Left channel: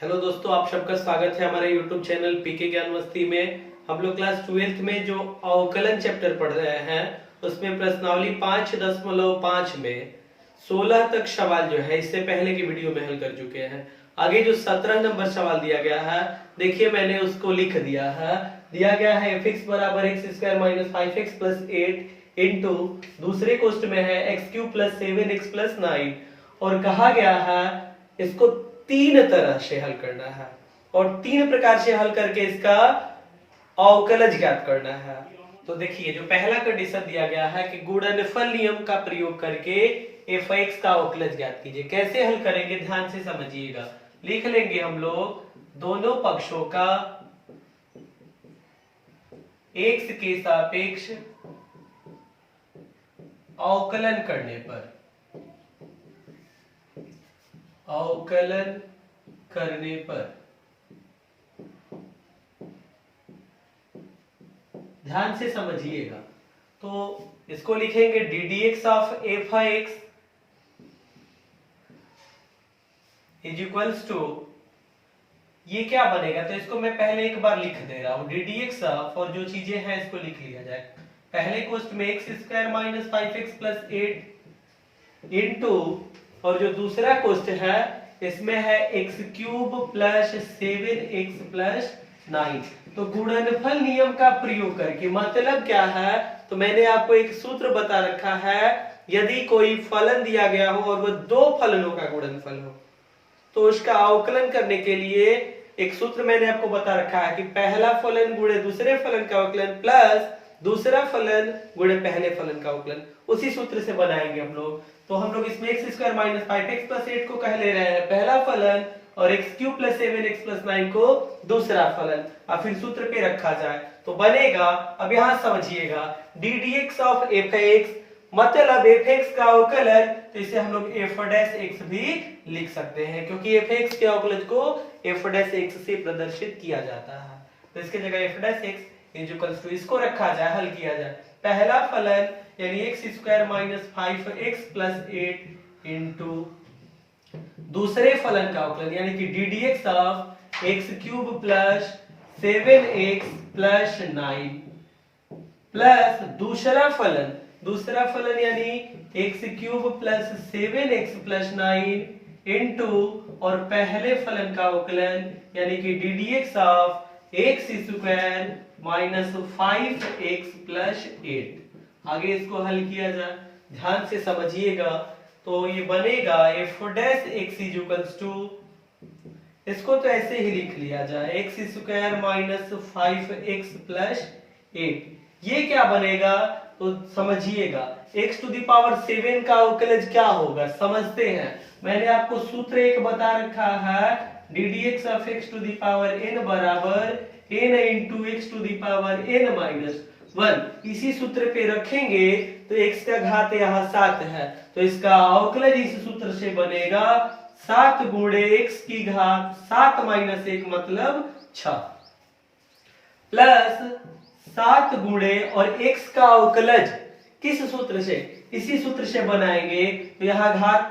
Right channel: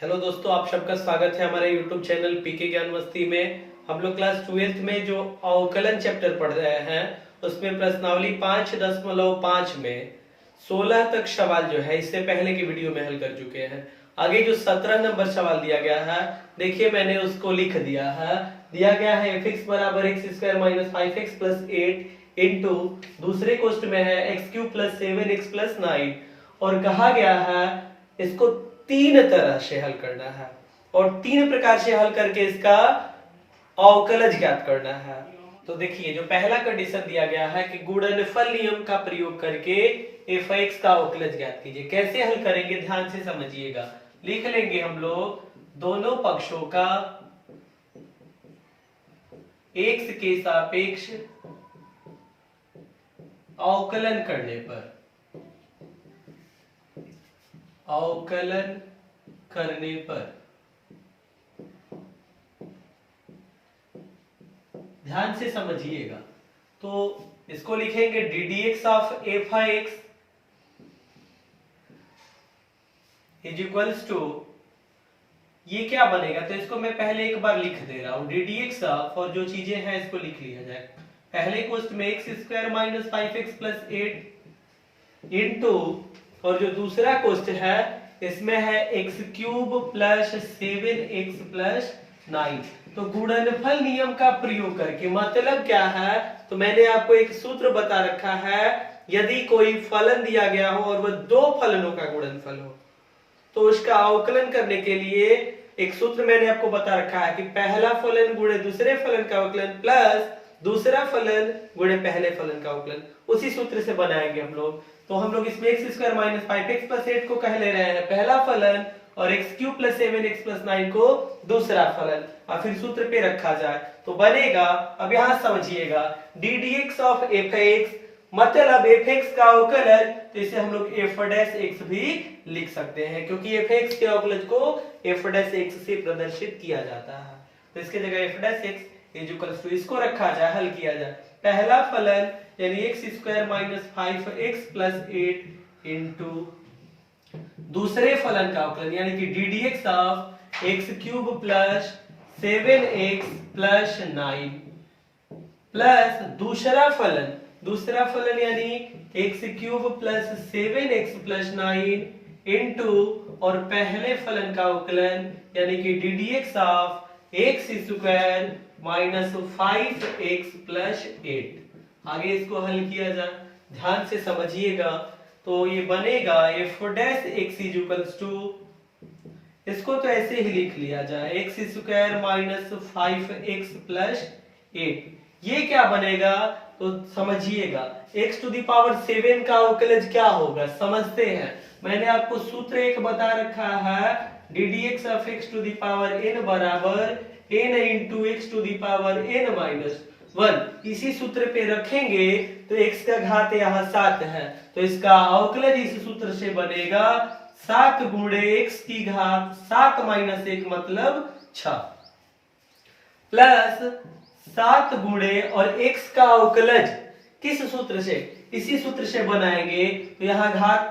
Hello दोस्तों, आप सबका स्वागत है हमारे यूट्यूब चैनल पीके ज्ञान मस्ती में। हम लोग क्लास 12th में जो अवकलन चैप्टर पढ़ रहे हैं उसमें प्रश्नावली 5.5 में 16 तक सवाल जो है इससे पहले की वीडियो में हल कर चुके हैं। आगे जो 17 नंबर सवाल दिया गया है, देखिए मैंने उसको लिख दिया है। दिया गया है fx बराबर x square minus 5x plus 8 into दूसरे क्वेश्चन में है x cube plus 7x plus 9 और कहा गया है इसको तीन तरह से हल करना है और तीन प्रकार से हल करके इसका अवकलज ज्ञात करना है। तो देखिए जो पहला कंडीशन दिया गया है कि गुणनफल नियम का प्रयोग करके f(x) का अवकलज ज्ञात कीजिए। कैसे हल करेंगे ध्यान से समझिएगा। लिख लेंगे हम लोग दोनों पक्षों का x के सापेक्ष अवकलन करने पर ध्यान से समझिएगा। तो इसको लिखेंगे d d x of f x is equals to, ये क्या बनेगा तो इसको मैं पहले एक बार लिख दे रहा हूं। डी डी एक्स ऑफ और जो चीजें हैं इसको लिख लिया जाए। पहले क्वेश्चन में x square minus 5x plus 8 into और जो दूसरा क्वेश्चन है इसमें है x cube plus 7x plus 9। तो गुणनफल नियम का प्रयोग करके मतलब क्या है, तो मैंने आपको एक सूत्र बता रखा है। यदि कोई फलन दिया गया हो और वह दो फलनों का गुणनफल हो तो उसका अवकलन करने के लिए एक सूत्र मैंने आपको बता रखा है कि पहला फलन गुणे दूसरे फलन का अवकलन प्लस दूसरा फलन गुणे पहले फलन का अवकलन, उसी सूत्र से बनाएंगे हम लोग। तो हम लोग इसमें x square minus 5x plus 8 को कह ले रहे हैं पहला फलन और x cube plus 7x plus 9 को दूसरा फलन, और फिर सूत्र पे रखा जाए तो बनेगा। अब यहां समझिएगा D d x of f x मतलब एफ एक्स का अवकलन, तो इसे हम लोग एफ डैश एक्स भी लिख सकते हैं क्योंकि एफ एक्स के अवकलन को एफ डैश एक्स से प्रदर्शित किया जाता है। तो इसके जगह f dash x is equals to, इसको रखा जाए, हल किया जाए। पहला फलन यानी x square minus 5x plus 8 into दूसरे फलन का अवकलन यानी कि d d x of x cube plus 7x plus 9 plus दूसरा फलन यानी x cube plus 7x plus 9 into और पहले फलन का अवकलन यानी कि d d x of x square minus 5x plus 8। आगे इसको हल किया जाए, ध्यान से समझिएगा। तो ये बनेगा f dash x is equals to, इसको तो ऐसे ही लिख लिया जाए x square minus 5x plus 8। ये क्या बनेगा तो समझिएगा x टू द पावर 7 का अवकलज क्या होगा समझते हैं। मैंने आपको सूत्र एक बता रखा है d d x of x to the power n बराबर n into x to the power n minus 1। इसी सूत्र पे रखेंगे तो x का घात यहाँ 7 है, तो इसका अवकलज इस सूत्र से बनेगा 7 गुणे x की घात 7 माइनस 1 मतलब 6 प्लस 7 गुणे और x का अवकलज किस सूत्र से, इसी सूत्र से बनाएंगे। तो यहाँ घात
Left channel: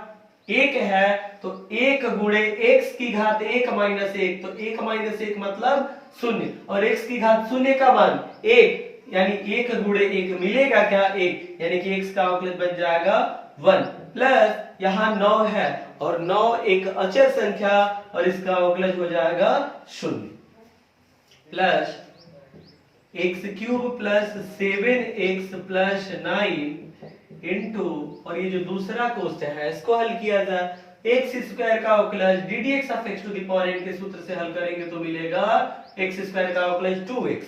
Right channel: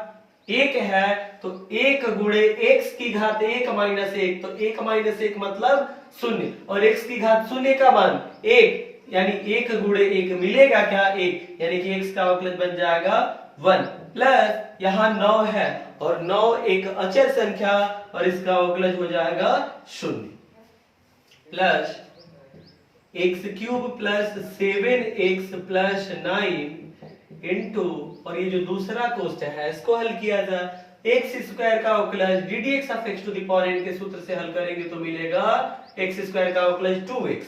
1 है तो 1 गुणे x की घात 1 माइनस 1, तो 1 माइनस 1 मतलब 0 और x की घात 0 का मान 1 यानी 1 गुणे 1 मिलेगा क्या 1, यानी कि x का अवकलज बन जाएगा 1 प्लस यहाँ 9 है और 9 एक अचर संख्या और इसका अवकलज हो जाएगा 0 plus x cube plus 7x plus 9 into और ये जो दूसरा क्वेश्चन है इसको हल किया जाए। एक्स स्क्वायर का अवकलज d d x of x to the power n के सूत्र से हल करेंगे तो मिलेगा एक्स स्क्वायर का अवकलज 2x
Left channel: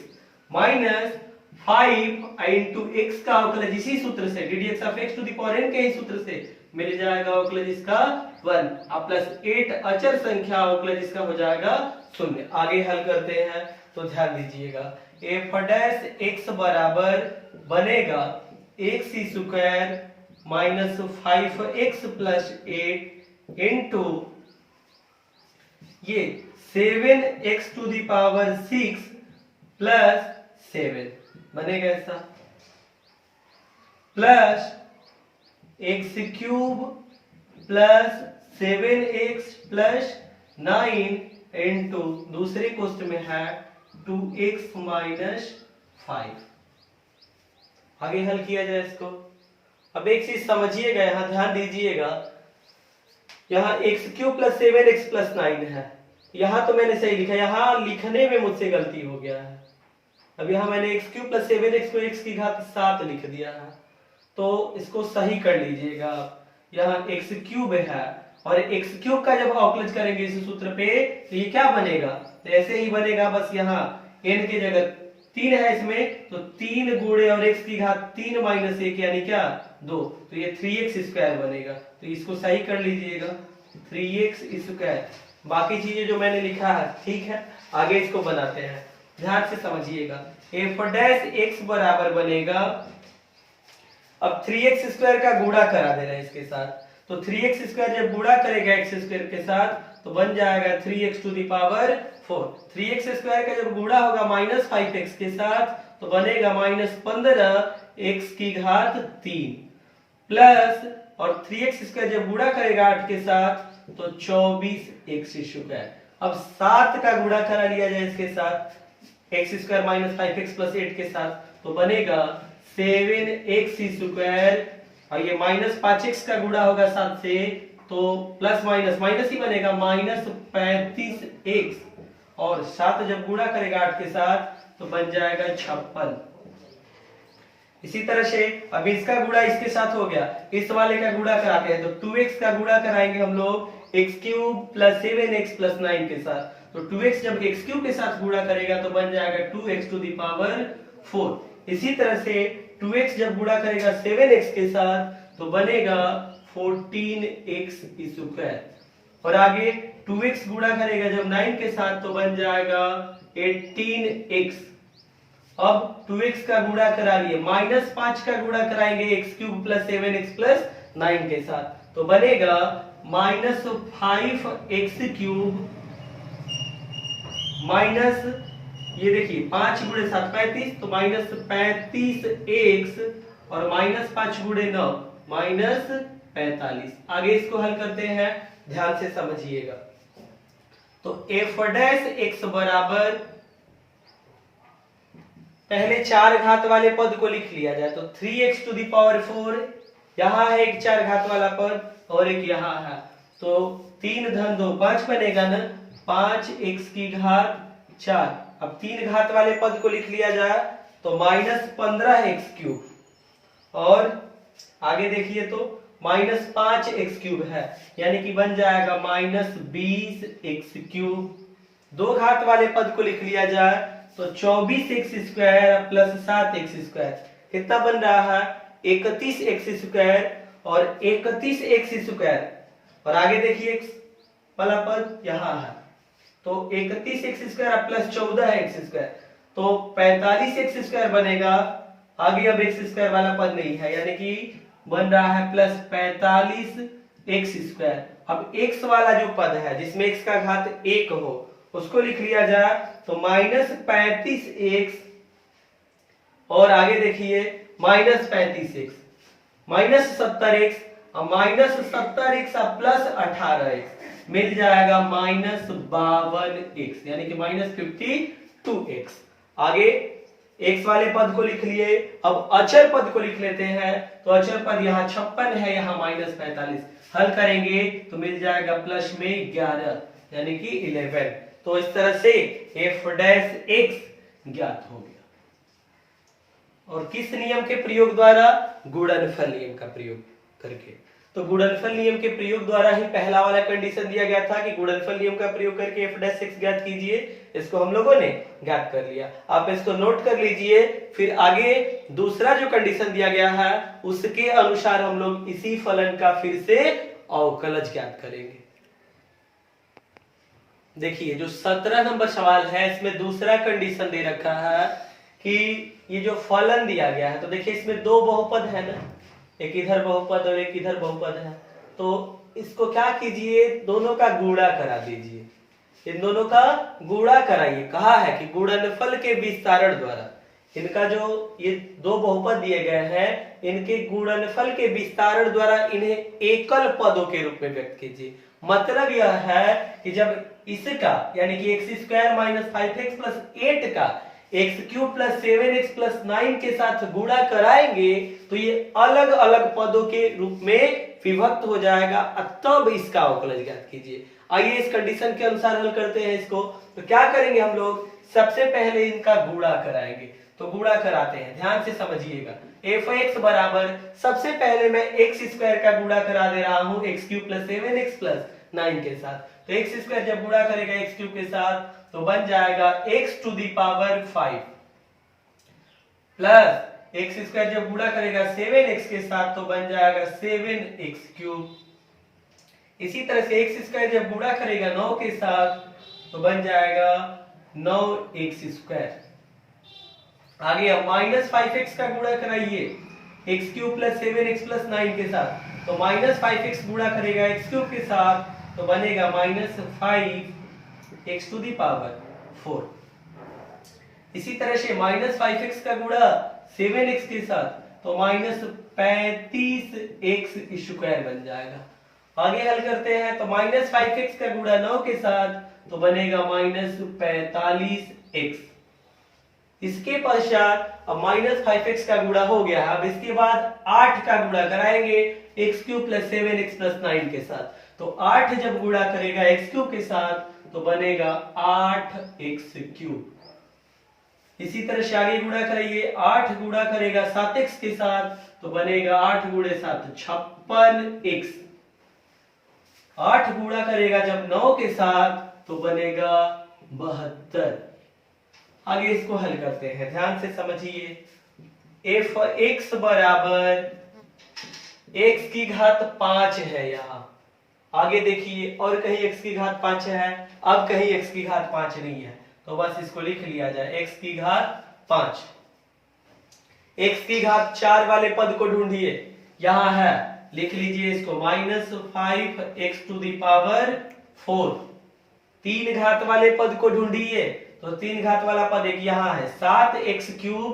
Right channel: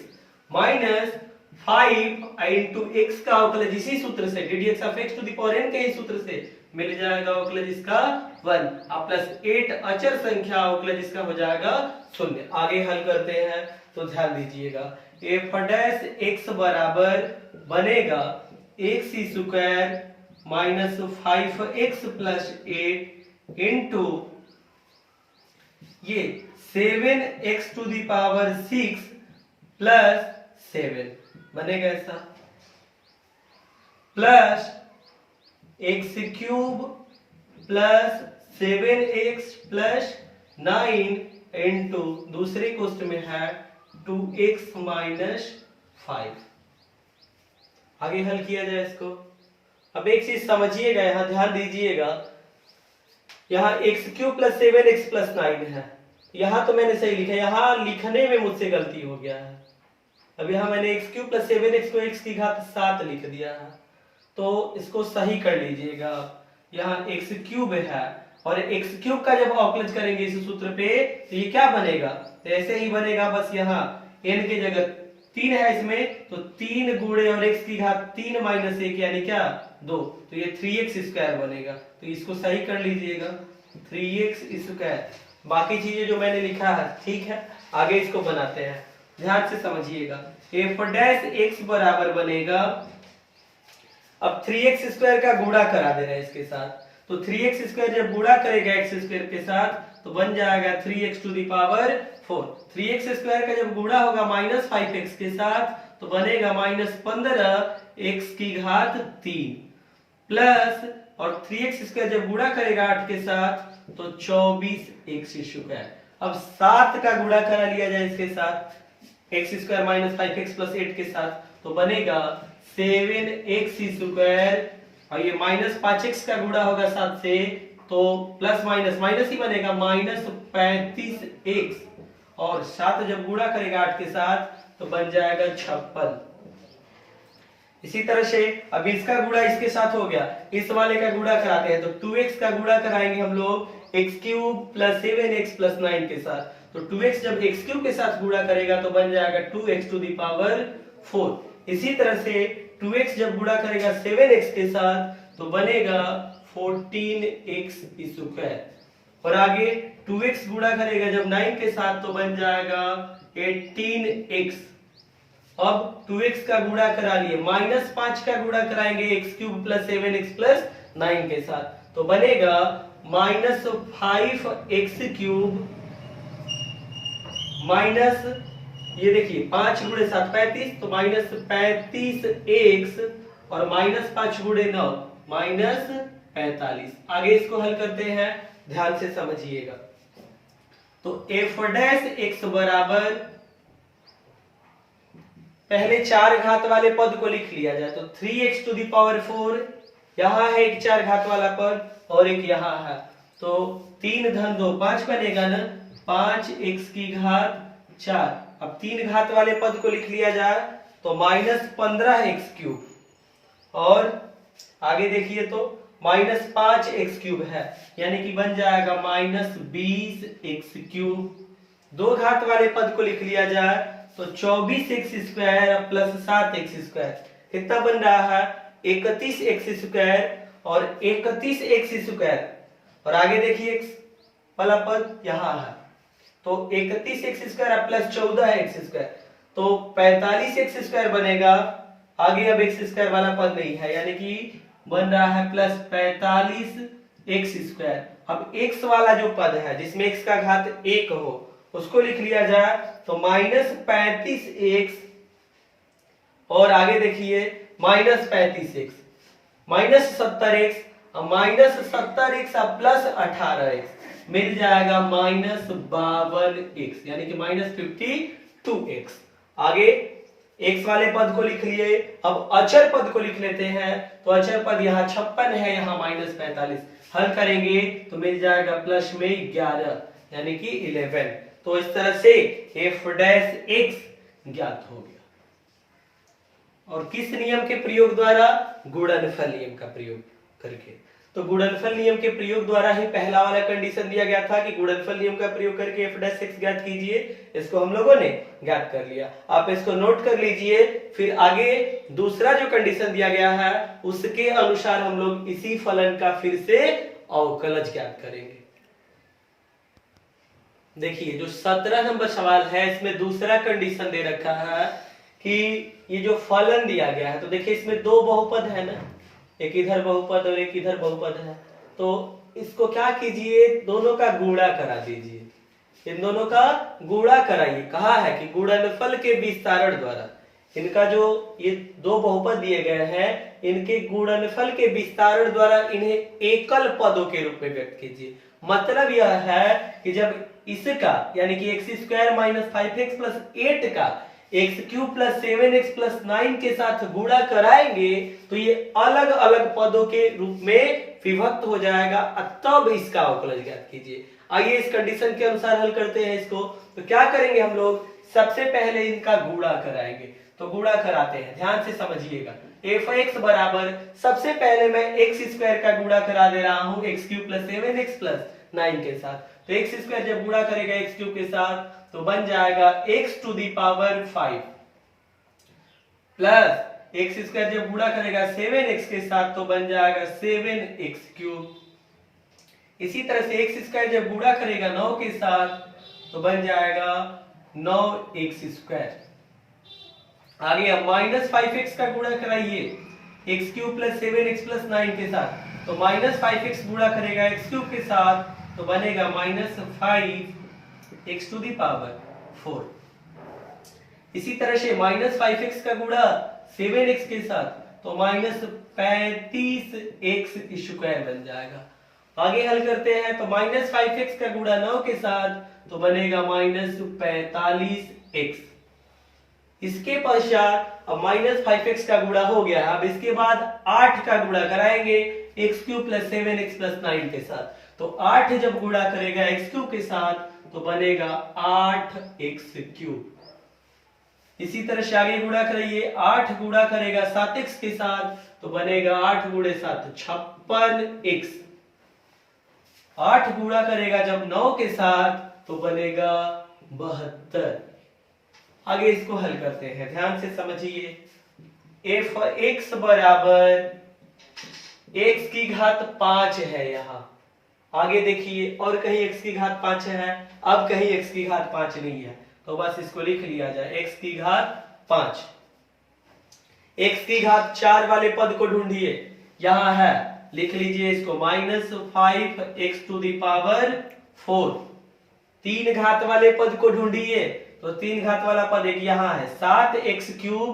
माइनस 5 इंटू एक्स का अवकलज इसी सूत्र से d d x of x to the power n के ही सूत्र से मिल जाएगा अवकलज इसका 1 और प्लस 8 अचर संख्या अवकलज इसका हो जाएगा 0। आगे हल करते हैं तो ध्यान दीजिएगा एफ डैश एक्स बराबर बनेगा x square minus 5x plus 8 into ये 7x to the power 6 plus 7 बनेगा ऐसा plus x cube plus 7x plus 9 into दूसरे क्वेश्चन में है 2x माइनस 5। आगे हल किया जाए इसको। अब एक चीज समझिएगा, यहां ध्यान दीजिएगा, यहाँ x³ प्लस 7x प्लस 9 है। यहाँ तो मैंने सही लिखा, यहाँ लिखने में मुझसे गलती हो गया है। अब यहाँ मैंने x³ प्लस 7x को x की घात 7 लिख दिया है, तो इसको सही कर लीजिएगा। यहाँ x³ है और x³ का जब अवकलज करेंगे इस सूत्र पे तो ये क्या बनेगा, तो ऐसे ही बनेगा, बस यहाँ n के जगह 3 है इसमें, तो 3 गुणे और x की घात 3 माइनस 1 यानी क्या 2, तो ये 3x² बनेगा। तो इसको सही कर लीजिएगा 3x²। बाकी चीजें जो मैंने लिखा है ठीक है, आगे इसको बनाते हैं, ध्यान से समझिएगा। f' बराबर बनेगा, अब 3x² का गुणा करा दे रहे हैं इसके साथ, तो 3x² जब गुणा करेगा x² के साथ तो बन जाएगा 3x⁴। 3x² का जब गुणा होगा माइनस 5x के साथ तो बनेगा माइनस 15x की घात 3 प्लस, और 3x² जब गुणा करेगा 8 के साथ तो 24x²। अब 7 का गुणा करा लिया जाए इसके साथ x² माइनस 5x प्लस 8 के साथ तो बनेगा 7x², और ये माइनस 5x का गुणा होगा 7 से तो प्लस माइनस माइनस ही बनेगा माइनस 35x, और 7 जब गुणा करेगा 8 के साथ तो बन जाएगा 56। इसी तरह से अब इसका गुणा इसके साथ हो गया, इस वाले का गुणा कराते हैं तो 2x का गुणा कराएंगे हम लोग x³ प्लस 7x प्लस 9 के साथ, तो 2x जब x³ के साथ गुणा करेगा तो बन जाएगा 2x⁴। इसी तरह से 2x जब गुणा करेगा 7x के साथ तो बनेगा 14x², और आगे 2x गुणा करेगा जब 9 के साथ तो बन जाएगा 18x। अब 2x का गुणा करा लिए, माइनस 5 का गुणा कराएंगे x³ प्लस 7x प्लस 9 के साथ तो बनेगा माइनस 5x³ माइनस, ये देखिए 5 गुणे 7 35, तो माइनस 35x, और माइनस 5 गुणे 9 माइनस 45। आगे इसको हल करते हैं, ध्यान से समझिएगा। तो f' बराबर, पहले 4 घात वाले पद को लिख लिया जाए तो 3x⁴, यहाँ है एक 4 घात वाला पद और एक यहाँ है, तो 3 धन 2 5 बनेगा ना, 5x की घात 4। अब 3 घात वाले पद को लिख लिया जाए तो माइनस 15x³, और आगे देखिए तो माइनस 5x³ है, यानी कि बन जाएगा माइनस 20x³। 2 घात वाले पद को लिख लिया जाए तो 24x² प्लस 7x², कितना बन रहा है 31x², और 31x², और आगे देखिए वाला पद यहाँ है तो 31x² प्लस 14x², तो 45x² बनेगा। आगे अब x² वाला पद नहीं है, यानी कि बन रहा है प्लस 45x²। अब x वाला जो पद है जिसमें x का घात 1 हो उसको लिख लिया जाए तो माइनस 35x, और आगे देखिए minus 35x minus 70x, minus 70x plus 18x मिल जाएगा माइनस 52x, यानी कि माइनस 52x। आगे x वाले पद को लिख लिए, अब अचर पद को लिख लेते हैं, तो अचर पद यहाँ 56 है, यहाँ माइनस 45, हल करेंगे तो मिल जाएगा प्लस में 11 यानी कि 11। तो इस तरह से f' ज्ञात हो गया। और किस नियम के प्रयोग द्वारा, गुणनफल नियम का प्रयोग करके। तो गुणनफल नियम के प्रयोग द्वारा ही पहला वाला कंडीशन दिया गया था कि गुणनफल नियम का प्रयोग करके f' ज्ञात कीजिए, इसको हम लोगों ने ज्ञात कर लिया। आप इसको नोट कर लीजिए, फिर आगे दूसरा जो कंडीशन दिया गया है उसके अनुसार हम लोग इसी फलन का फिर से अवकलज ज्ञात करेंगे। देखिए जो 17 नंबर सवाल है इसमें दूसरा कंडीशन दे रखा है कि ये जो फलन दिया गया है, तो देखिए इसमें 2 बहुपद है ना, एक इधर बहुपद और एक इधर बहुपद है, तो इसको क्या कीजिए, दोनों का गुणा करा दीजिए, इन दोनों का गुणा कराइए। कहा है कि गुणनफल के विस्तारण द्वारा इनका जो ये 2 बहुपद दिए गए हैं इनके गुणनफल के विस्तारण द्वारा इन्हें एकल पदों के रूप में व्यक्त कीजिए। मतलब यह है कि जब इसका यानी कि x square minus 5x plus 8 का x cube plus 7x plus 9 के साथ गुणा कराएंगे तो ये अलग अलग पदों के रूप में विभक्त हो जाएगा, तब इसका अवकलज ज्ञात कीजिए। आइए इस कंडीशन के अनुसार हल करते हैं इसको। तो क्या करेंगे हम लोग, सबसे पहले इनका गुणा कराएंगे। तो गुणा कराते हैं, ध्यान से समझिएगा। f(x) बराबर सबसे पहले मैं एक्स स्क्वायर का गुणा करा दे रहा हूं x cube plus 7x plus 9 के साथ। तो एक्स स्क्वायर जब गुणा करेगा एक्स क्यूब के साथ तो बन जाएगा x to the power 5 plus x square जब गुणा करेगा 7x के साथ तो बन जाएगा 7x क्यूब। इसी तरह से एक्स स्क्वायर जब गुणा करेगा 9 के साथ तो बन जाएगा 9x स्क्वायर। आगे अब माइनस 5x का गुणा कराइए x cube plus 7x plus 9 के साथ। तो माइनस 5x गुणा करेगा एक्स क्यूब के साथ तो बनेगा minus 5x to the power 4। इसी तरह से माइनस 5x का गुणा 7x के साथ तो माइनस 35x स्क्वायर बन जाएगा। आगे हल करते हैं तो माइनस 5x का गुणा 9 के साथ तो बनेगा माइनस 45x। इसके पश्चात अब माइनस 5x का गुणा हो गया। अब इसके बाद 8 का गुणा कराएंगे x cube plus 7x plus 9 के साथ। तो 8 जब गुणा करेगा एक्स क्यूब के साथ तो बनेगा 8x क्यूब। इसी तरह से आगे गुणा कराइए, 8 गुणा करेगा 7x के साथ तो बनेगा 8 गुणे 7 56x। 8 गुणा करेगा जब 9 के साथ तो बनेगा 72। आगे इसको हल करते हैं, ध्यान से समझिए। f(x) बराबर x की घात 5 है। यहाँ आगे देखिए और कहीं x की घात 5 है, अब कहीं x की घात 5 नहीं है, तो बस इसको लिख लिया जाए x की घात 5। x की घात 4 वाले पद को ढूंढिए, यहाँ है, लिख लीजिए इसको minus 5x to the power 4। 3 घात वाले पद को ढूंढिए, तो 3 घात वाला पद एक यहाँ है 7x क्यूब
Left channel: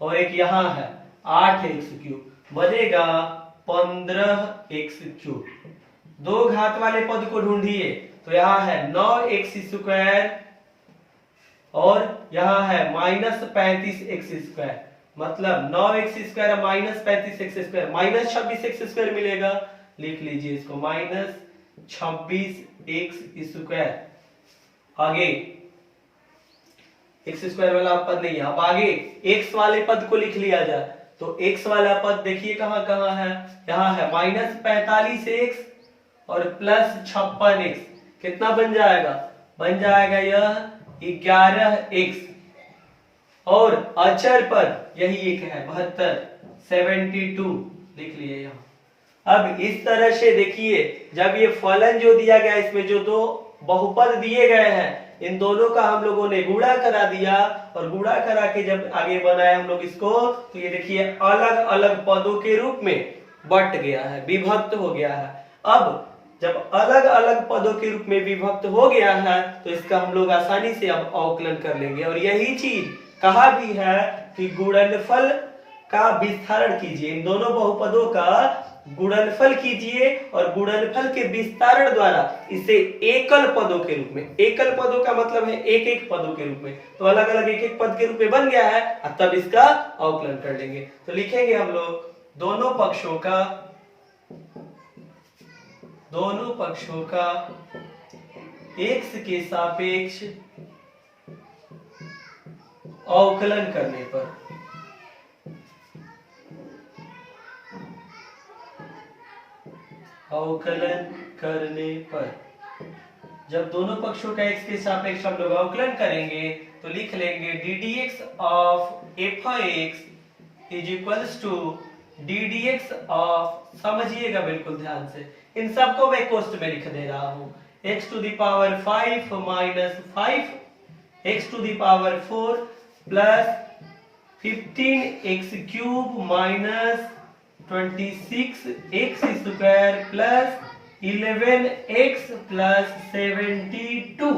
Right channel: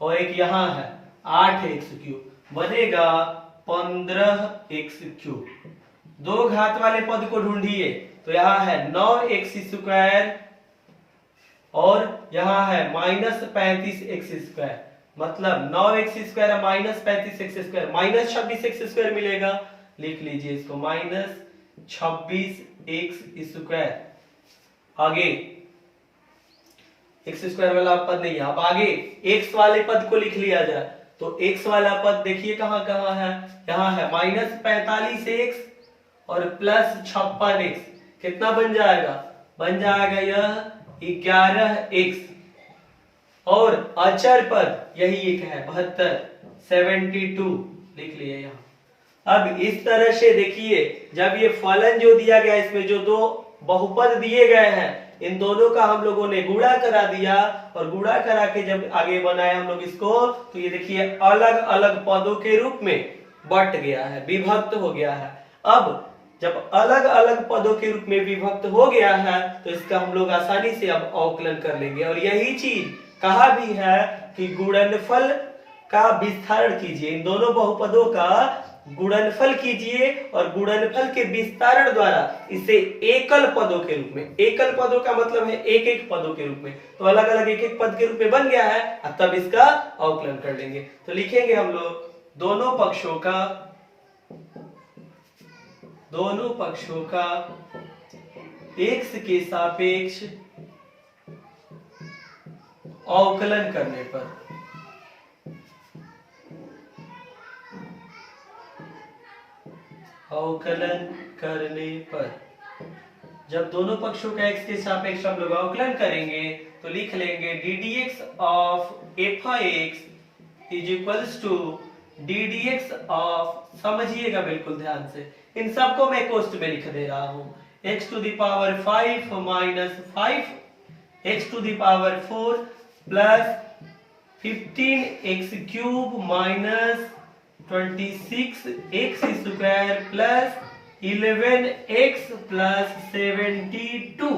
और एक यहाँ है 8x क्यूब, बनेगा 15x क्यूब। 2 घात वाले पद को ढूंढिए, तो यहाँ है 9x स्क्वायर और यहाँ है माइनस 35x स्क्वायर, मतलब 9x square minus 35x square minus 26x square मिलेगा। लिख लीजिए इसको माइनस 26x स्क्वायर। आगे एक्स स्क्वायर वाला पद नहीं है, अब आगे एक्स वाले पद को लिख लिया जाए। तो एक्स वाला पद देखिए कहां कहां है, यहाँ है माइनस 45x और प्लस 56x। कितना बन जाएगा, बन जाएगा यह 11x और अचर पद यही एक है 72 लिख लिया यहाँ। अब इस तरह से देखिए जब ये फलन जो दिया गया इसमें जो दो बहुपद दिए गए हैं इन दोनों का हम लोगों ने गुणा करा दिया और गुणा करा के जब आगे बनाए हम लोग इसको तो ये देखिए अलग अलग पदों के रूप में बट गया है, विभक्त हो गया है। अब जब अलग अलग पदों के रूप में विभक्त हो गया है तो इसका हम लोग आसानी से अब अवकलन कर लेंगे। और यही चीज कहा भी है कि गुणनफल का विस्तारण कीजिए, इन दोनों बहुपदों का गुणनफल कीजिए और गुणनफल के विस्तारण द्वारा इसे एकल पदों के रूप में, एकल पदों का मतलब है एक एक पदों के रूप में, तो अलग अलग एक एक पद के रूप में बन गया है, तब इसका अवकलन कर लेंगे। तो लिखेंगे हम लोग दोनों पक्षों का x के सापेक्ष अवकलन करने पर जब दोनों पक्षों का x के सापेक्ष हम लोग अवकलन करेंगे तो लिख लेंगे ddx of f(x) is equals to ddx of, समझिएगा बिल्कुल ध्यान से, इन सबको मैं कोष्ट में लिख दे रहा हूं, x to the power 5 minus 5x to the power 4 plus 15x cube minus 26x square plus 11x plus 72।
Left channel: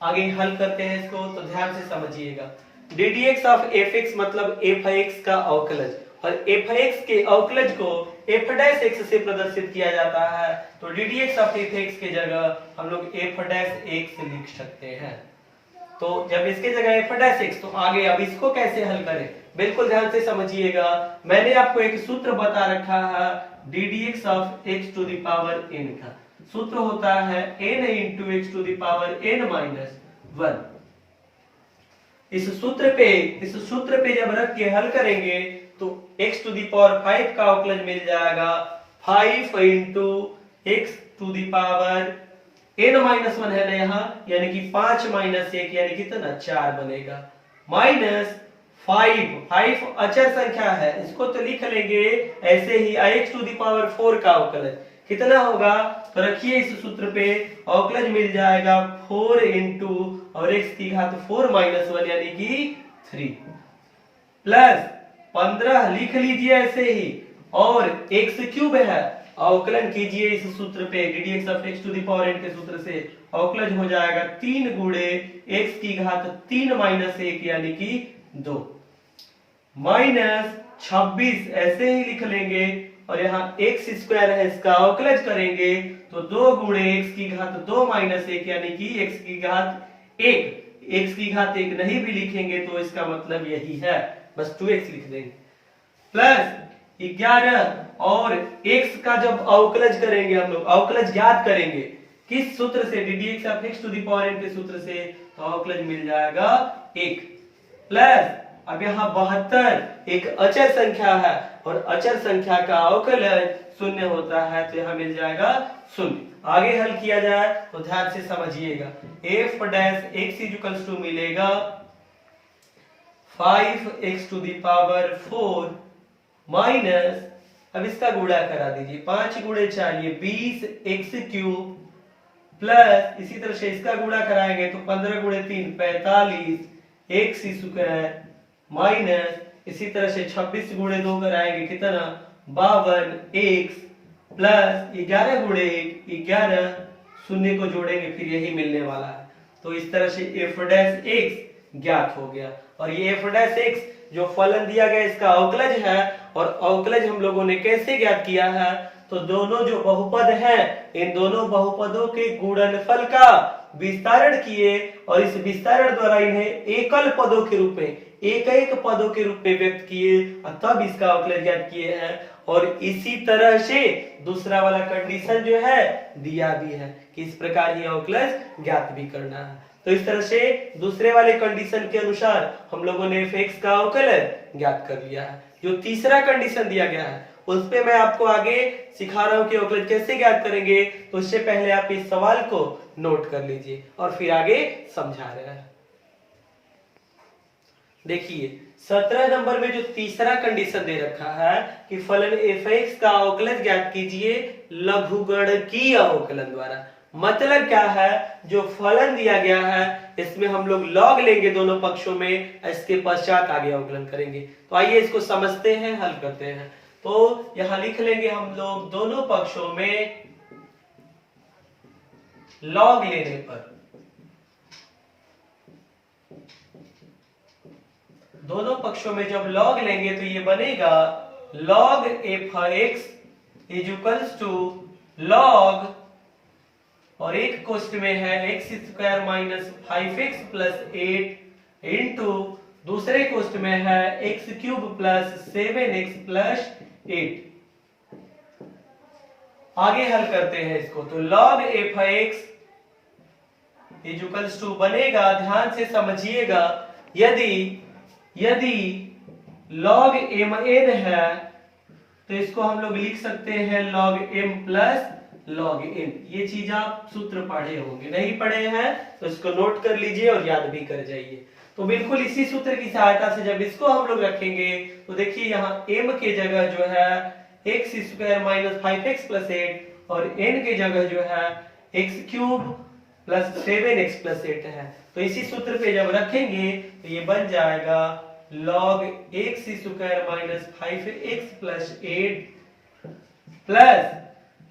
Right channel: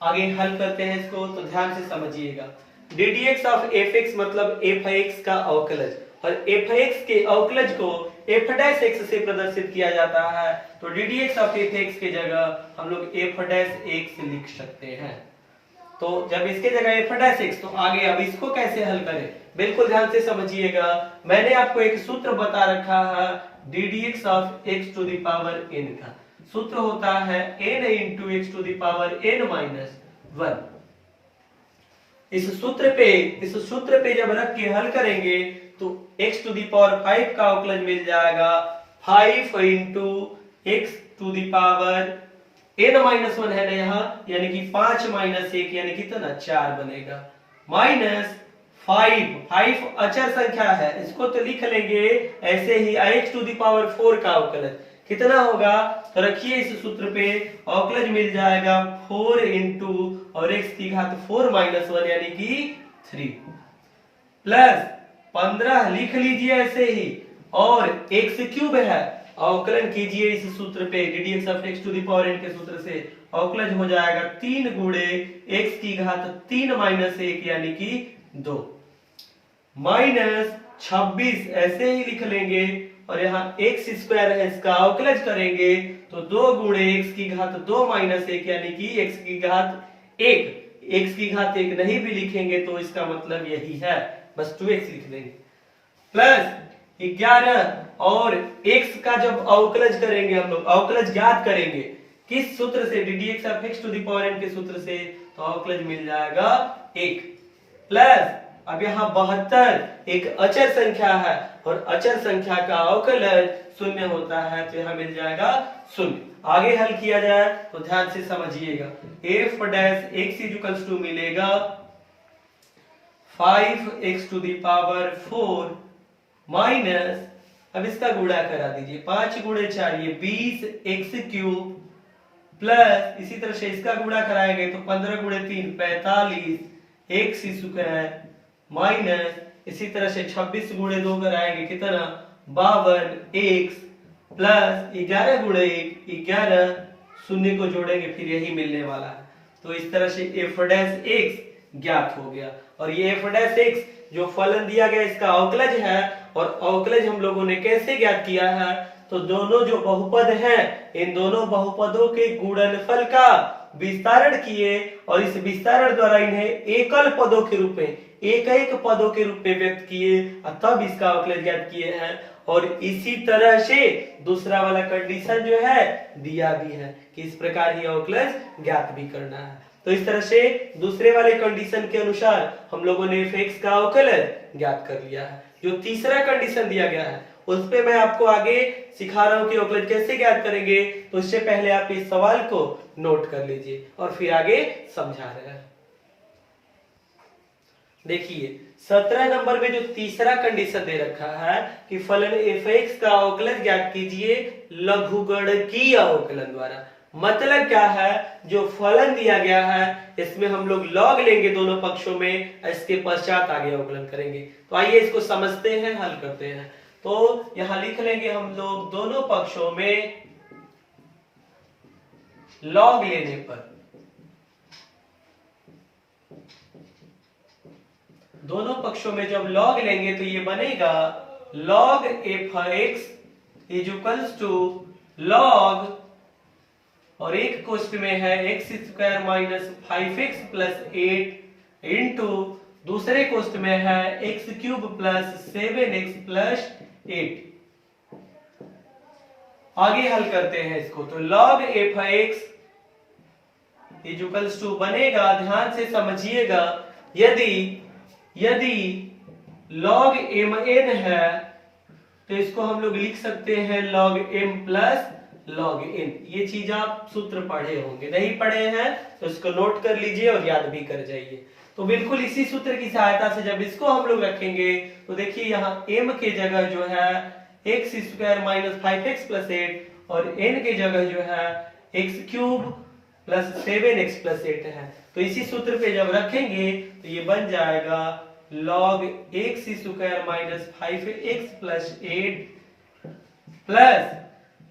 आगे हल करते हैं इसको, तो ध्यान से समझिएगा। ddx ऑफ fx मतलब f(x) का अवकलज, और f(x) के अवकलज को f' से प्रदर्शित किया जाता है, तो ddx ऑफ f(x) के जगह हम लोग f' लिख सकते हैं। तो जब इसके जगह f'(x), तो आगे अब इसको कैसे हल करें, बिल्कुल ध्यान से समझिएगा। मैंने आपको एक सूत्र बता रखा है ddx of x to the power n का। सूत्र होता है n into x to the power n minus 1। इस सूत्र पे जब रख के हल करेंगे तो x टू दी पावर 5 का अवकलज मिल जाएगा 5 into x to the power n minus 1 है ना यहाँ, यानी कि 5 माइनस 1 यानी कितना 4 बनेगा, माइनस 5 अचर संख्या है, इसको तो लिख लेंगे ऐसे ही x टू दी पावर 4 का अवकलज कितना होगा, तो रखिए इस सूत्र पे अवकलज मिल जाएगा 4 इंटू और x की घात 4 माइनस 1 यानी कि 3 प्लस 15 लिख लीजिए ऐसे ही, और x क्यूब है, अवकलन कीजिए इस सूत्र पे ddx of x to the power n के सूत्र से, अवकलज हो जाएगा 3 गुणे x की घात 3 माइनस 1 यानी कि 2 माइनस 26 ऐसे ही लिख लेंगे, और यहाँ x स्क्वायर है, इसका अवकलज करेंगे तो 2 गुणे x की घात 2 माइनस 1 यानी कि x की घात 1, x की घात 1 नहीं भी लिखेंगे तो इसका मतलब यही है, बस 2x लिख देंगे, प्लस 11 और x का जब अवकलज करेंगे हम लोग, अवकलज ज्ञात करेंगे किस सूत्र से, ddx of x to the power n के सूत्र से, तो अवकलज मिल जाएगा 1 प्लस अब यहाँ 72 एक अचर संख्या है और अचर संख्या का अवकलज 0 होता है, तो यहाँ मिल जाएगा 0। आगे हल किया जाए तो ध्यान से समझिएगा, f' x टू मिलेगा 5x to the power 4 minus, अब इसका गुणा करा दीजिए, 5 गुणे 4 ये 20x क्यूब प्लस इसी तरह से इसका गुणा कराएंगे तो 15 गुणे 3 45 x स्क्वायर माइनस इसी तरह से 26 गुणे 2 कराएंगे कितना 52 x प्लस 11 गुणे 1 11, शून्य को जोड़ेंगे फिर यही मिलने वाला है, तो इस तरह से f' ज्ञात हो गया। और ये f' जो फलन दिया गया इसका अवकलज है, और अवकलज हम लोगों ने कैसे ज्ञात किया है, तो दोनों जो बहुपद हैं इन दोनों बहुपदों के गुणनफल का विस्तारण किए और इस विस्तारण द्वारा इन्हें एकल पदों के रूप में एक पदों के रूप में व्यक्त किए और तब इसका अवकलज ज्ञात किए हैं। और इसी तरह से दूसरा वाला कंडीशन जो है दिया भी है कि इस प्रकार ही अवकलज ज्ञात भी करना है, तो इस तरह से दूसरे वाले कंडीशन के अनुसार हम लोगों ने f(x) का अवकलज ज्ञात कर लिया है। जो तीसरा कंडीशन दिया गया है उस पे मैं आपको आगे सिखा रहा हूं कि अवकलज कैसे ज्ञात करेंगे, तो इससे पहले आप इस सवाल को नोट कर लीजिए और फिर आगे समझा रहे हैं। देखिए 17 नंबर में जो तीसरा कंडीशन दे रखा है कि फलन f(x) का अवकलज ज्ञात कीजिए लघुगणकीय अवकलन द्वारा। मतलब क्या है, जो फलन दिया गया है इसमें हम लोग लॉग लेंगे दोनों पक्षों में, इसके पश्चात आगे अवकलन करेंगे। तो आइए इसको समझते हैं, हल करते हैं। तो यहां लिख लेंगे हम लोग दोनों पक्षों में लॉग लेने पर, दोनों पक्षों में जब लॉग लेंगे तो ये बनेगा log f(x) is equals to log, और एक कोष्ठ में है x square minus 5x plus 8 into दूसरे कोष्ठ में है x cube plus 7x plus 8। आगे हल करते हैं इसको, तो log f(x) is equals to बनेगा, ध्यान से समझिएगा, यदि log mn है तो इसको हम लोग लिख सकते हैं log m plus log n। ये चीज आप सूत्र पढ़े होंगे, नहीं पढ़े हैं तो इसको नोट कर लीजिए और याद भी कर जाइए। तो बिल्कुल इसी सूत्र की सहायता से जब इसको हम लोग रखेंगे तो देखिए यहाँ m के जगह जो है x square minus 5x plus 8 और n के जगह जो है x cube plus 7x plus 8 है। तो इसी सूत्र पे जब रखेंगे तो ये बन जाएगा log x square minus 5x plus 8 plus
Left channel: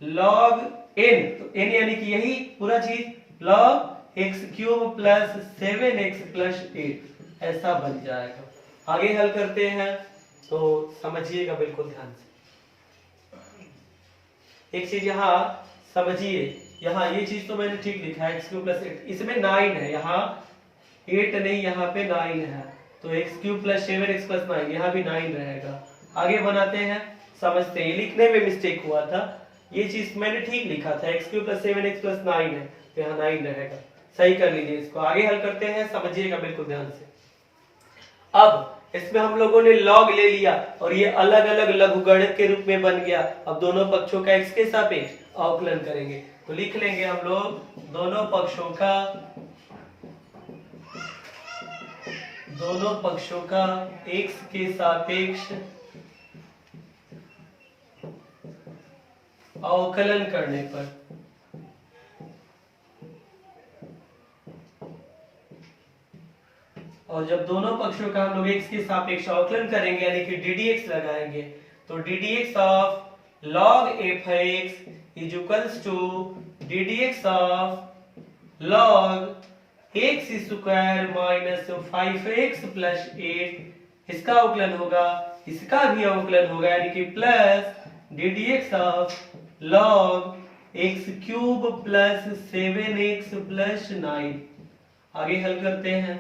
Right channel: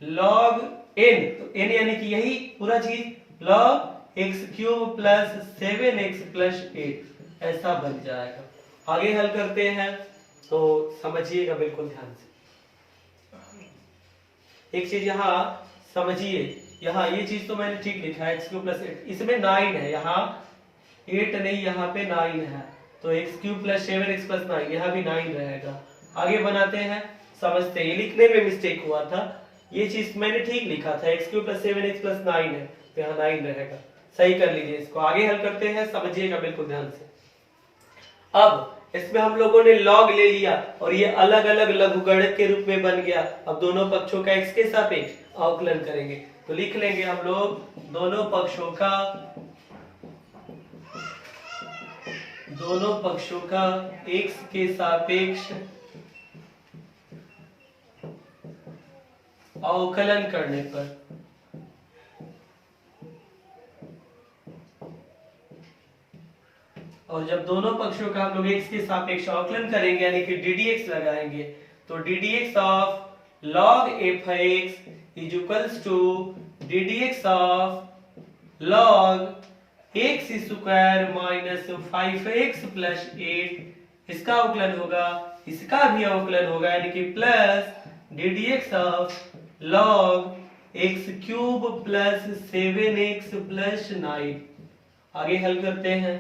log n, तो n यानी कि यही पूरा चीज, log x cube plus 7x plus 8 ऐसा बन जाएगा। आगे हल करते हैं, तो समझिएगा बिल्कुल ध्यान से। एक चीज यहाँ समझिए, यहाँ ये चीज तो मैंने ठीक लिखा है x क्यूब प्लस 8, इसमें 9 है, यहाँ 8 नहीं, यहाँ पे 9 है, तो x cube plus 7x plus 9, यहाँ भी 9 रहेगा। आगे बनाते हैं, समझते हैं, ये लिखने में मिस्टेक हुआ था, ये चीज मैंने ठीक लिखा था, x cube plus 7x plus 9 है, तो यहाँ 9 रहेगा, सही कर लीजिए इसको। आगे हल करते हैं, समझिएगा बिल्कुल ध्यान से। अब इसमें हम लोगों ने log ले लिया और ये अलग अलग लघुगणक के रूप में बन गया। अब दोनों पक्षों का x के सापेक्ष अवकलन करेंगे, तो लिख लेंगे हम लोग दोनों पक्षों का x के सापेक्ष अवकलन करने पर और जब दोनों पक्षों का हम लोग x के सापेक्ष अवकलन करेंगे यानी कि ddx लगाएंगे, तो ddx of log f(x) is equals to ddx of log x square minus 5x plus 8, इसका अवकलन होगा, इसका भी अवकलन होगा, यानी कि plus ddx of log x cube plus 7x plus 9। आगे हल करते हैं,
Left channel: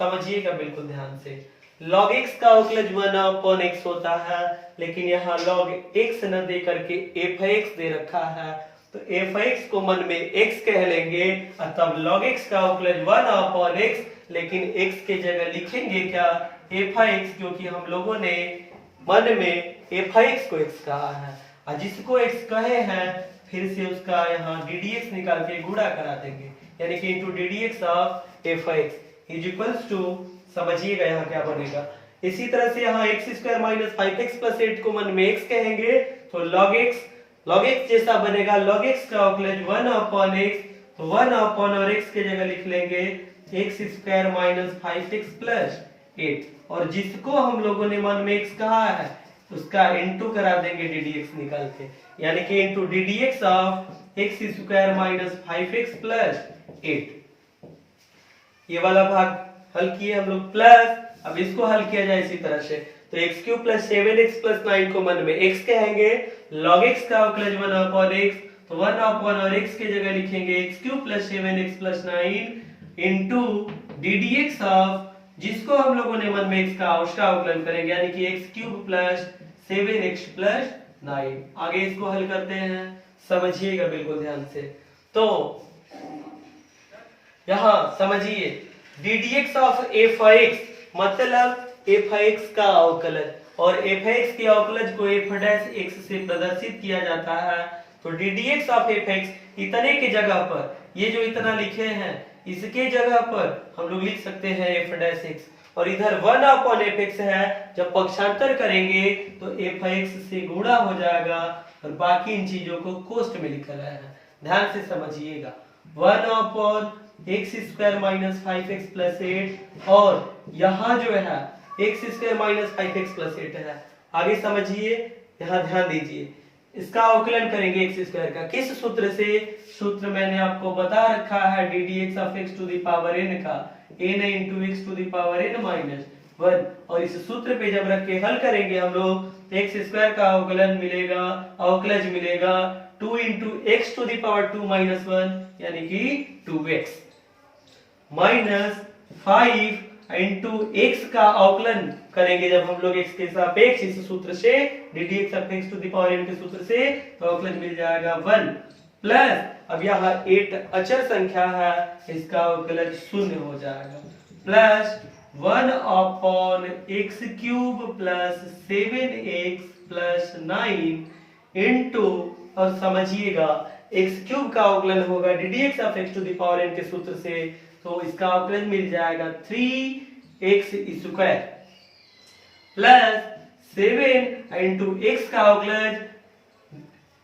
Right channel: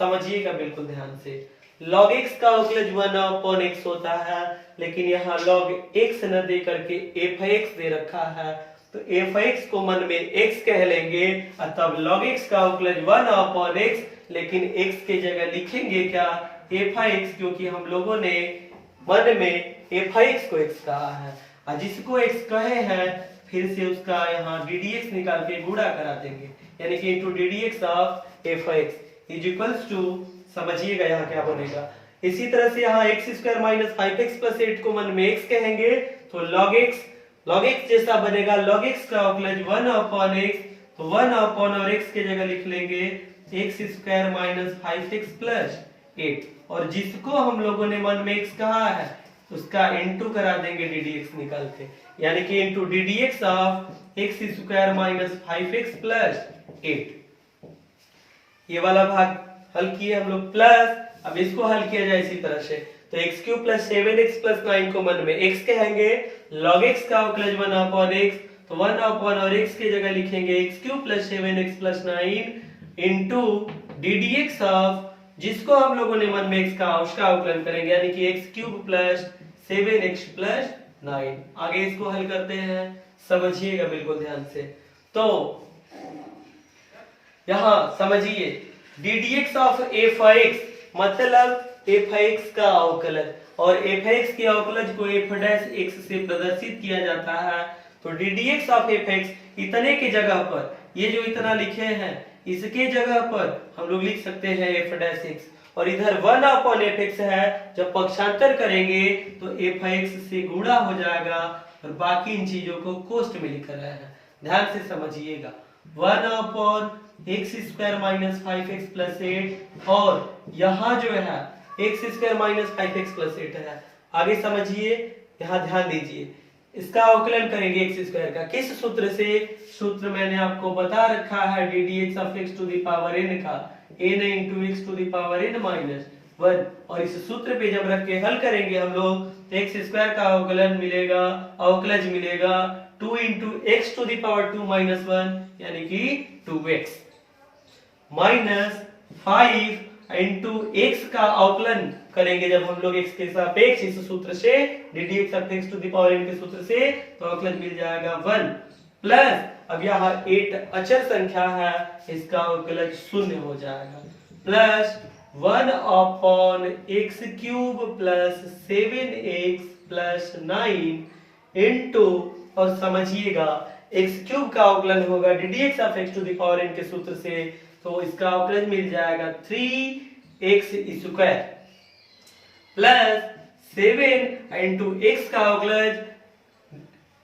समझिएगा बिल्कुल ध्यान से। log x का अवकलज 1/x होता है, लेकिन यहाँ log x न दे करके f(x) दे रखा है, तो f(x) को मन में x कह लेंगे, और तब log x का अवकलज 1/x, लेकिन x के जगह लिखेंगे क्या, f(x), क्योंकि हम लोगों ने मन में f(x) को x कहा है, और जिसको x कहे हैं फिर से उसका यहाँ ddx निकाल के गुणा करा देंगे, यानी कि into ddx of f(x) is equals to, समझिएगा यहाँ क्या बनेगा। इसी तरह से यहाँ x square minus 5x plus 8 को मन में x कहेंगे, तो log x जैसा बनेगा, log x का अवकलज 1/x, तो 1 और x के जगह लिख लेंगे x square minus 5x plus 8, और जिसको हम लोगों ने मन में x कहा है उसका इंटू करा देंगे ddx निकाल के, यानी कि into ddx of x square minus 5x plus 8। ये वाला भाग हल किए हम लोग, प्लस अब इसको हल किया जाए इसी तरह से, तो x cube plus 7x plus 9 को मन में x कहेंगे, log x का अवकलज 1/x, तो 1 और x के जगह लिखेंगे x cube plus 7x plus 9 into ddx of, जिसको हम लोगों ने मन में x का उसका अवकलन करेंगे, यानी कि x cube plus 7x plus 9। आगे इसको हल करते हैं, समझिएगा बिल्कुल ध्यान से। तो यहाँ समझिए ddx ऑफ f(x) मतलब f(x) का अवकलज, और f(x) के अवकलज को f' से प्रदर्शित किया जाता है, तो ddx ऑफ f(x) इतने के जगह पर, ये जो इतना लिखे हैं इसके जगह पर हम लोग लिख सकते हैं f', और इधर 1/fx है, जब पक्षांतर करेंगे तो f(x) से गुणा हो जाएगा, और बाकी इन चीजों को कोष्ठ में लिखा है, ध्यान से समझिएगा। 1/x square minus 5x plus 8, और यहाँ जो है x square minus 5x plus 8 है। आगे समझिए, यहाँ ध्यान दीजिए, इसका अवकलन करेंगे x स्क्वायर का, किस सूत्र से, सूत्र मैंने आपको बता रखा है ddx of x to the power n का n into x to the power n minus 1, और इस सूत्र पे जब रख के हल करेंगे हम लोग, x स्क्वायर का अवकलन मिलेगा, अवकलज मिलेगा 2 into x to the power 2 minus 1, यानी कि 2x, माइनस 5 इंटू x का अवकलन करेंगे जब हम लोग x के सापेक्ष इस सूत्र से ddx of x to the power n के सूत्र से, तो अवकलन मिल जाएगा 1, प्लस अब यहाँ 8 अचर संख्या है, इसका अवकलन 0 हो जाएगा, plus 1/x cube plus 7x plus 9 into, और समझिएगा x क्यूब का अवकलन होगा ddx of x to the power n के सूत्र से, तो इसका अवकलन मिल जाएगा 3x square plus 7 into x का अवकलन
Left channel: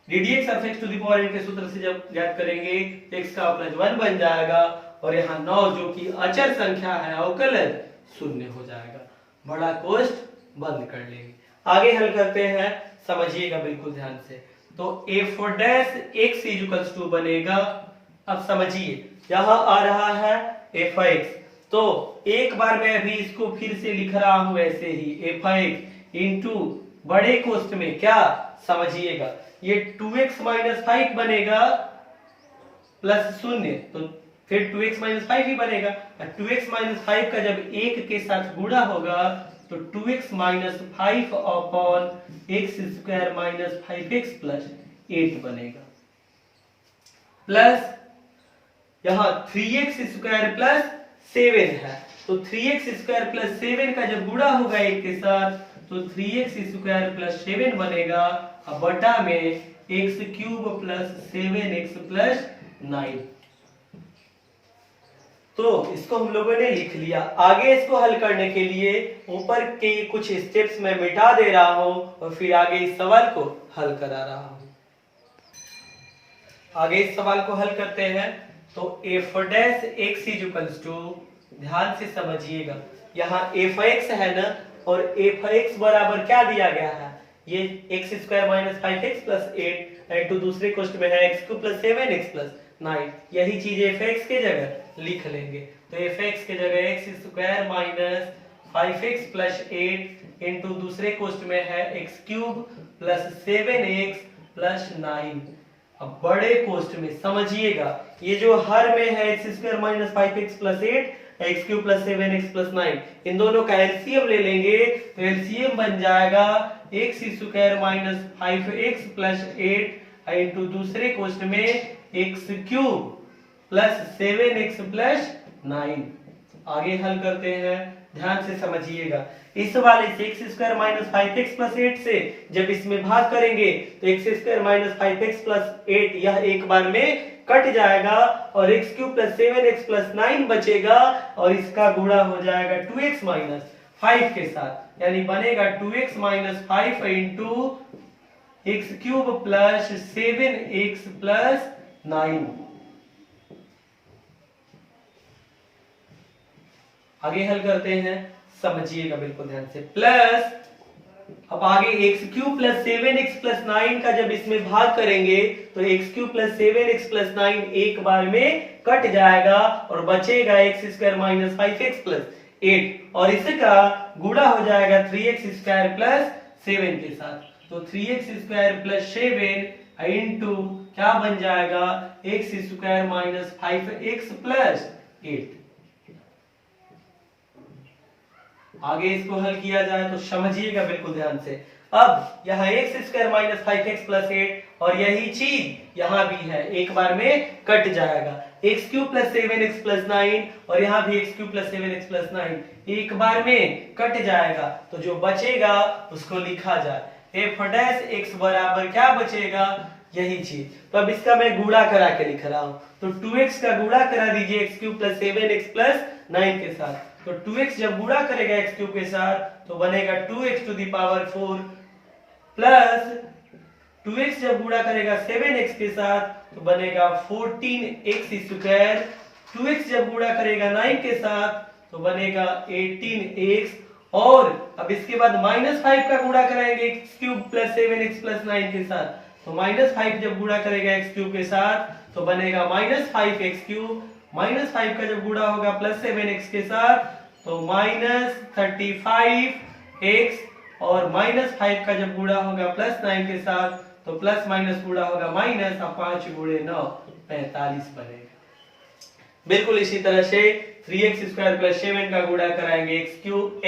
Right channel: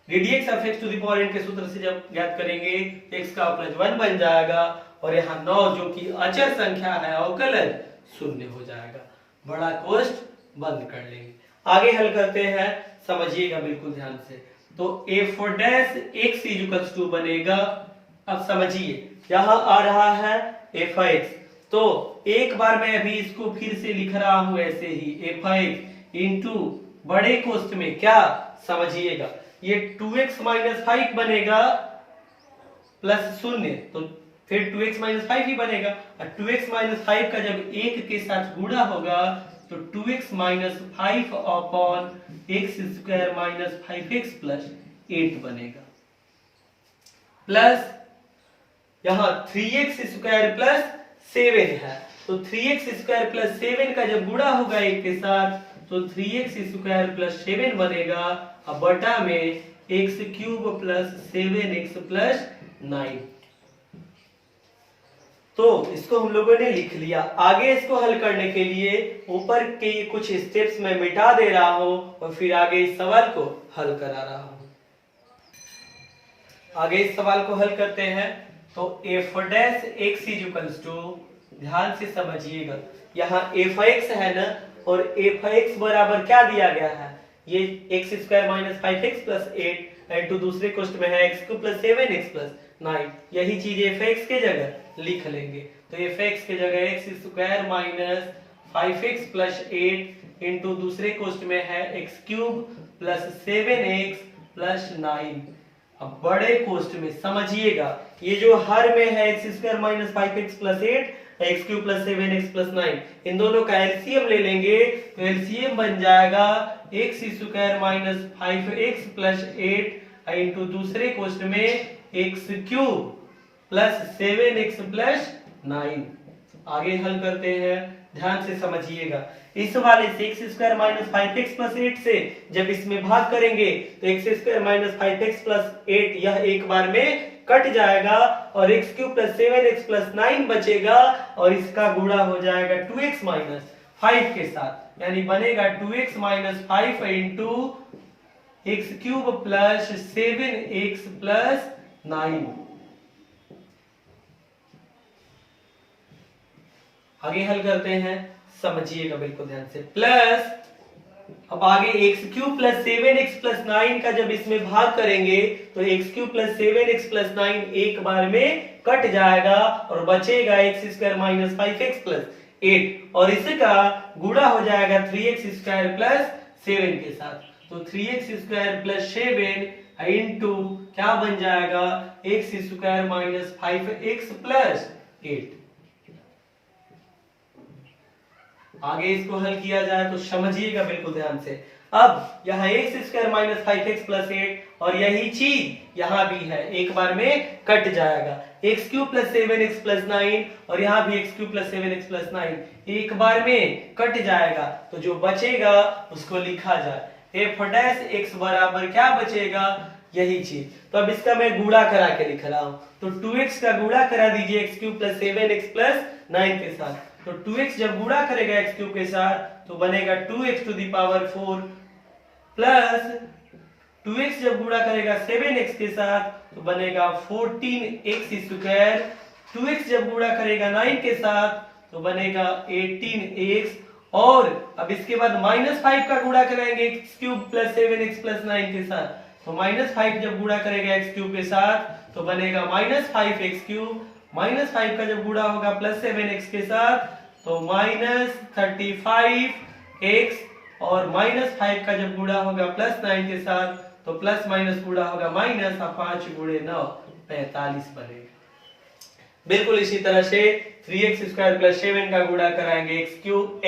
ddx of x to the power n के सूत्र से जब ज्ञात करेंगे x का अवकलन 1 बन जाएगा, और यहाँ 9 जो कि अचर संख्या है अवकलन 0 हो जाएगा। बड़ा कोष्ठ बंद कर लेंगे, आगे हल करते हैं, समझिएगा बिल्कुल ध्यान से। तो f' इज इक्वल्स टू बनेगा, अब समझिए यहाँ आ रहा है f(x), तो एक बार मैं अभी इसको फिर से लिख रहा हूं ऐसे ही f(x) इंटू बड़े कोष्ठ में क्या समझिएगा, ये 2x माइनस 5 बनेगा प्लस 0, तो फिर 2x माइनस 5 ही बनेगा। 2x माइनस 5 का जब 1 के साथ गुणा होगा तो 2x minus 5 upon x square minus 5x plus 8 बनेगा, प्लस यहाँ 3x स्क्वायर प्लस 7 है, तो 3x स्क्वायर प्लस 7 का जब गुणा होगा 1 के साथ तो 3x स्क्वायर प्लस 7 बनेगा, अब बटा में x cube plus 7x plus 9। तो इसको हम लोगों ने लिख लिया। आगे इसको हल करने के लिए ऊपर के कुछ स्टेप्स मैं मिटा दे रहा हूं और फिर आगे इस सवाल को हल करा रहा हूं। आगे इस सवाल को हल करते हैं। तो f dash x is equals to, ध्यान से समझिएगा, यहाँ f(x) है ना, और f(x) बराबर क्या दिया गया है, ये x square minus 5x plus 8 into दूसरे कोष्ठ में है x cube plus 7x plus 9, यही चीज f(x) के जगह लिख लेंगे। तो f(x) के जगह x square minus 5x plus 8 into दूसरे कोष्ठ में है x cube plus 7x plus 9। अब बड़े कोष्ठ में समझिएगा, ये जो हर में है x square minus 5x plus 8 x cube plus 7x plus 9, इन दोनों का एलसीएम ले लेंगे तो एलसीएम बन जाएगा x square minus 5x plus 8 into दूसरे कोष्ठ में x cube plus 7x plus 9। आगे हल करते हैं, ध्यान से समझिएगा। इस वाले से x square minus 5x plus 8 से जब इसमें भाग करेंगे तो x square minus 5x plus 8 यह एक बार में कट जाएगा और x cube plus 7x plus 9 बचेगा और इसका गुणा हो जाएगा 2x माइनस 5 के साथ, यानी बनेगा 2x minus 5 into x cube plus 7x plus 9। आगे हल करते हैं, समझिएगा बिल्कुल ध्यान से। प्लस अब आगे x cube plus 7x plus 9 का जब इसमें भाग करेंगे तो x cube plus 7x plus 9 एक बार में कट जाएगा और बचेगा x square minus 5x plus 8 और इसका गुणा हो जाएगा 3x स्क्वायर प्लस 7 के साथ। तो 3x स्क्वायर प्लस 7 इंटू क्या बन जाएगा x square minus 5x plus 8। आगे इसको हल किया जाए तो समझिएगा बिल्कुल ध्यान से। अब यहाँ x square minus 5x plus 8 और यही चीज यहाँ भी है, एक बार में कट जाएगा। X cube plus 7x plus 9 और यहाँ भी x cube plus 7x plus 9 एक बार में कट जाएगा, तो जो बचेगा उसको लिखा जाए। एफ डैश एक्स बराबर क्या बचेगा, यही चीज। तो अब इसका मैं गुणा करा के लिख रहा हूँ, तो 2x का गुणा करा दीजिए x cube plus 7x plus 9 के साथ। तो 2x जब गुणा करेगा x क्यूब के साथ तो बनेगा 2x to the power 4 plus 2x जब गुणा करेगा 7x के साथ तो बनेगा 14x स्क्वायर। 2x जब गुणा करेगा 9 के साथ तो बनेगा 18x और अब इसके बाद -5 का गुणा कराएंगे x cube plus 7x plus 9 के साथ, तो -5 जब गुणा करेगा x क्यूब के साथ तो बनेगा -5x क्यूब। -5 का जब गुणा होगा प्लस 7x के साथ तो -35x और -5 का जब गुणा होगा प्लस 9 के साथ तो प्लस माइनस गुणा होगा माइनस, और 5 गुणे 9 45 बनेगा। बिल्कुल इसी तरह से 3x स्क्वायर प्लस 7 का गुणा कराएंगे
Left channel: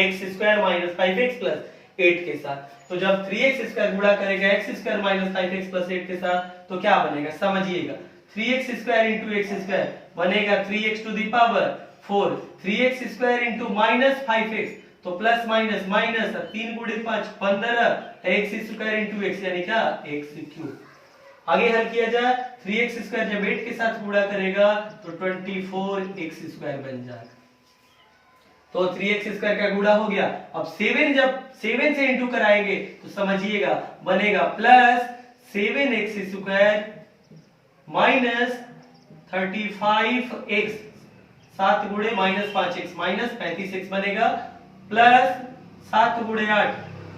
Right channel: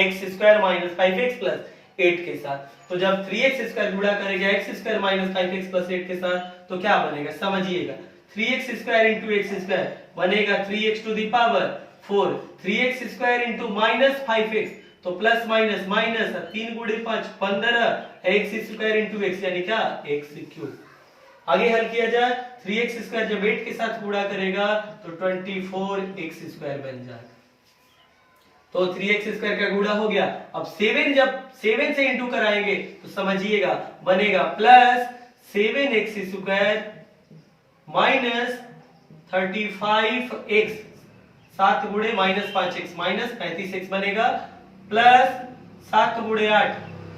x square minus 5x plus 8 के साथ। तो जब 3x स्क्वायर गुणा करेगा x square minus 5x plus 8 के साथ तो क्या बनेगा, समझिएगा। 3x square into x square बनेगा 3x to the power 4, 3x square into minus 5x तो प्लस माइनस माइनस 3 गुणे 5 15 x स्क्वायर इंटू x यानी क्या x क्यूब। आगे हल किया जाए, 3x स्क्वायर जब 8 के साथ गुणा करेगा तो 24x स्क्वायर बन जाएगा। तो 3x स्क्वायर का गुणा हो गया। अब 7 जब 7 से इंटू कराएंगे तो समझिएगा बनेगा plus 7x square minus 35x 7 गुणे माइनस 5x माइनस 35x बनेगा प्लस 7 गुणे 8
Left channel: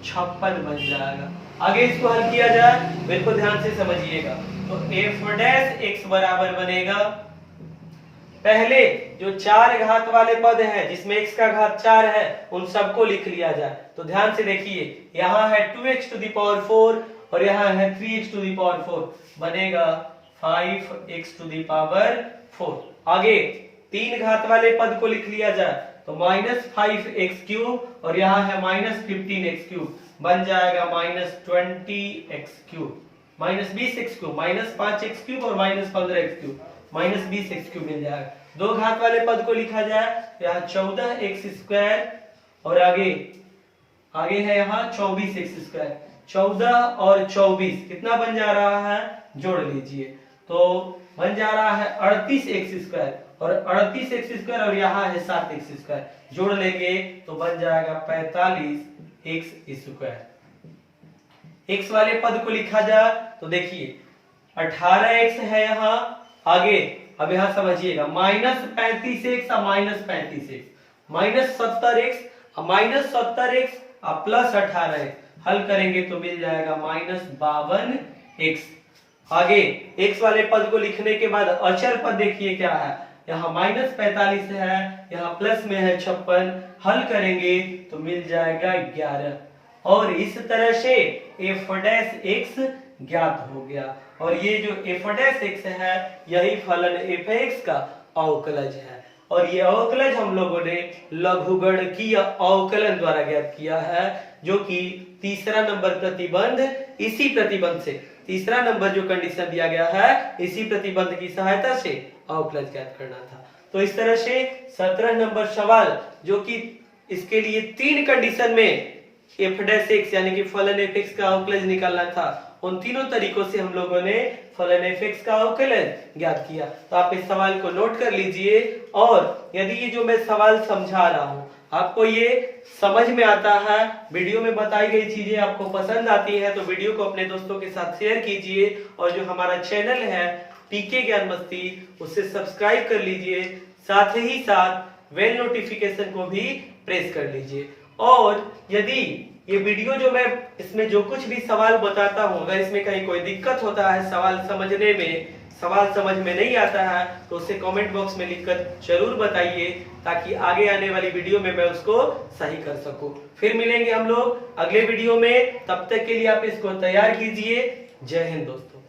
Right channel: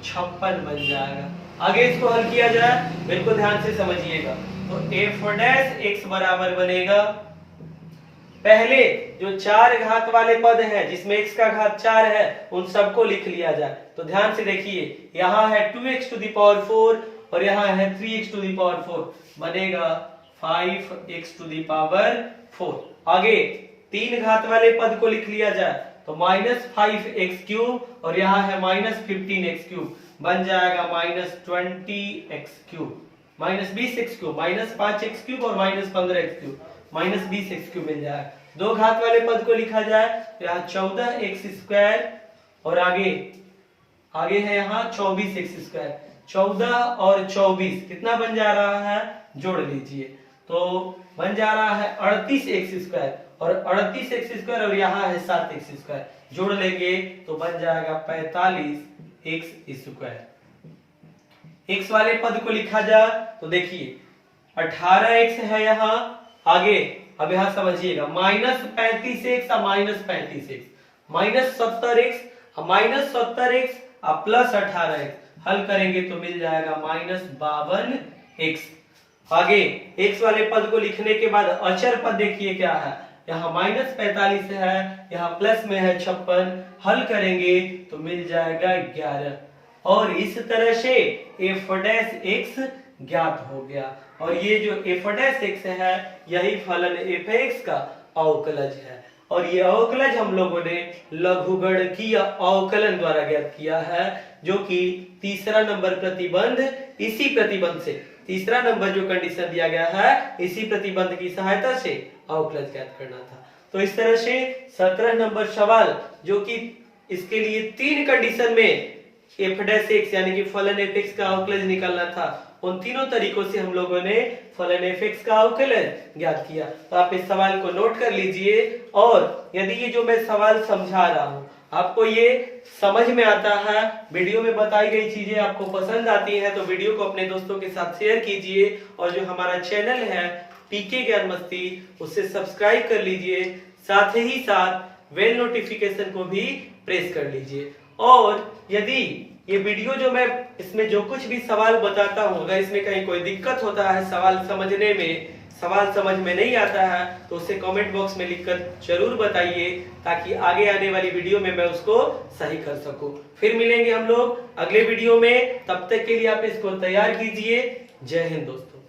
56 बन जाएगा। आगे इसको हल किया जाए, बिल्कुल ध्यान से समझिएगा। तो f डैश x बराबर बनेगा पहले जो 4 घात वाले पद हैं जिसमें x का घात 4 है उन सबको लिख लिया जाए। तो ध्यान से देखिए, यहाँ है 2x टू द पावर 4 और यहाँ है 3x टू द पावर 4, बनेगा 5x टू द पावर 4। आगे 3 घात वाले पद को लिख लिया जाए तो -5x³ और यहाँ है -15x³, बन जाएगा -20x³ -20x³ -5x³ और -15x³ -20x³ मिल जाएगा। 2 घात वाले पद को लिखा जाए तो यहाँ 14x² और आगे है यहाँ 24x²। 14 और 24 कितना बन जा रहा है, जोड़ लीजिए तो बन जा रहा है 38x² और 38x² और यहाँ है 7x², जोड़ लेंगे तो बन जाएगा 45x²। x वाले पद को लिखा जाए तो देखिए 18x है यहाँ, आगे अब यहाँ समझिएगा -35x और -35x -70x -70x plus 18x, हल करेंगे तो मिल जाएगा -52x। आगे x वाले पद को लिखने के बाद अचर पद देखिए क्या है, यहाँ -45 है, यहाँ प्लस में है 56, हल करेंगे तो मिल जाएगा 11 और इस तरह से f' ज्ञात हो गया। और ये जो f' है यही फलन f(x) का अवकलज है और ये अवकलज हम लोगों ने लघुगणकीय अवकलन द्वारा ज्ञात किया है, जो कि तीसरा नंबर प्रतिबंध, इसी प्रतिबंध से तीसरा नंबर जो कंडीशन दिया गया है इसी प्रतिबंध की सहायता से अवकलज ज्ञात करना था। तो इस तरह से 17 नंबर सवाल जो कि इसके लिए 3 कंडीशन में f' यानी कि फलन f(x) का अवकलज निकालना था, उन तीनों तरीकों से हम लोगों ने फलन f(x) का अवकलज ज्ञात किया। तो आप इस सवाल को नोट कर लीजिए और यदि ये जो मैं सवाल समझा रहा हूँ आपको ये समझ में आता है, वीडियो में बताई गई चीजें आपको पसंद आती है, तो वीडियो को अपने दोस्तों के साथ शेयर कीजिए और जो हमारा चैनल है पीके ज्ञान मस्ती उसे सब्सक्राइब कर लीजिए, साथ ही साथ बेल नोटिफिकेशन को भी प्रेस कर लीजिए। और यदि ये वीडियो जो मैं इसमें जो कुछ भी सवाल बताता हूँ अगर इसमें कहीं कोई दिक्कत होता है सवाल समझने में, सवाल समझ में नहीं आता है तो उसे कमेंट बॉक्स में लिखकर जरूर बताइए ताकि आगे आने वाली वीडियो में मैं उसको सही कर सकूं। फिर मिलेंगे हम लोग अगले वीडियो में, तब तक के लिए आप इसको तैयार कीजिए। जय हिंद दोस्तों।